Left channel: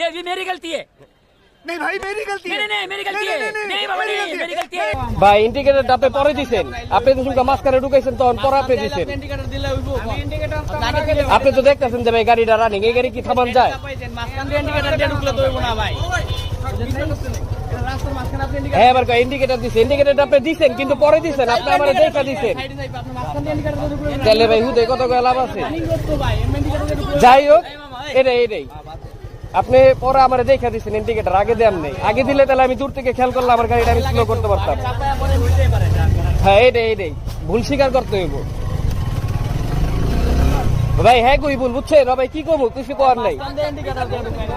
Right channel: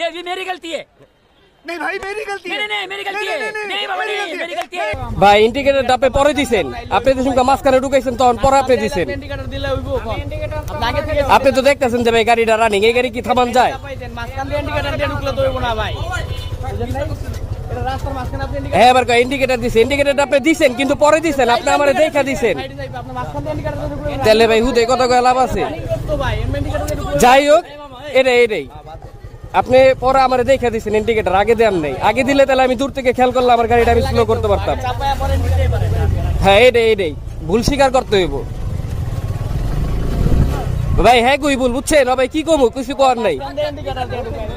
ये मेरी गलती है। नहीं भाई मेरी गलती है। नहीं मेरी गलती है। नहीं बाबा नहीं मेरी गलती है। ভাই ইন্ডিকেটর আপনি পরে দিবেন, আপনি তো শুনকা মাঝখানে ঢুকাইছেন তখন পরে আপনি দিবেন। ইন্ডিকেটর দিলে হইবো আপনি তো দেখতেছেন যে ভাই গাড়িটা রানিং, এই গাড়ি কি থামান যায়? মাঝখান দিয়ে ইন্ডিকেটর দিয়ে ঢুকলে তো হইবো না ভাই, বুঝেন নাই? এটা রাস্তার মাঝখানে আপনি হ্যাঁ এবার ইন্ডিকেটর দিছেন, ইন্ডিকেটর আপনি দিছেন কিন্তু পরে দিছেন, আপনি আমারে দেখা দিছেন। আপনি মাঝখান দিয়ে ইন্ডিকেটর দিয়ে ঢুকলে তাহলে ভাই হুদে কত কয় লাভ আছে? তো ভাই ইন্ডিকেটর দিয়ে ঢুকলে যাই হোক এটাই আপনি পরে আমারে দেখা দিছেন, ইন্ডিকেটর আগে দেন নাই। আগে দিলে তাহলে আমি দূর থেকে খেয়াল করলে আমার গাড়িটা আমি স্লো করতে পারতাম। চাপায়া পরে নিতেই পারে না। হ্যাঁ এটাই ভুল স্বীকার করতে হইব ভাই। হ্যাঁ কই ভুল বুঝছেন ভাই, কি করবো কিছু করার নাই। মাঝখান দিয়ে ইন্ডিকেটর দিয়ে ঢুকাই না।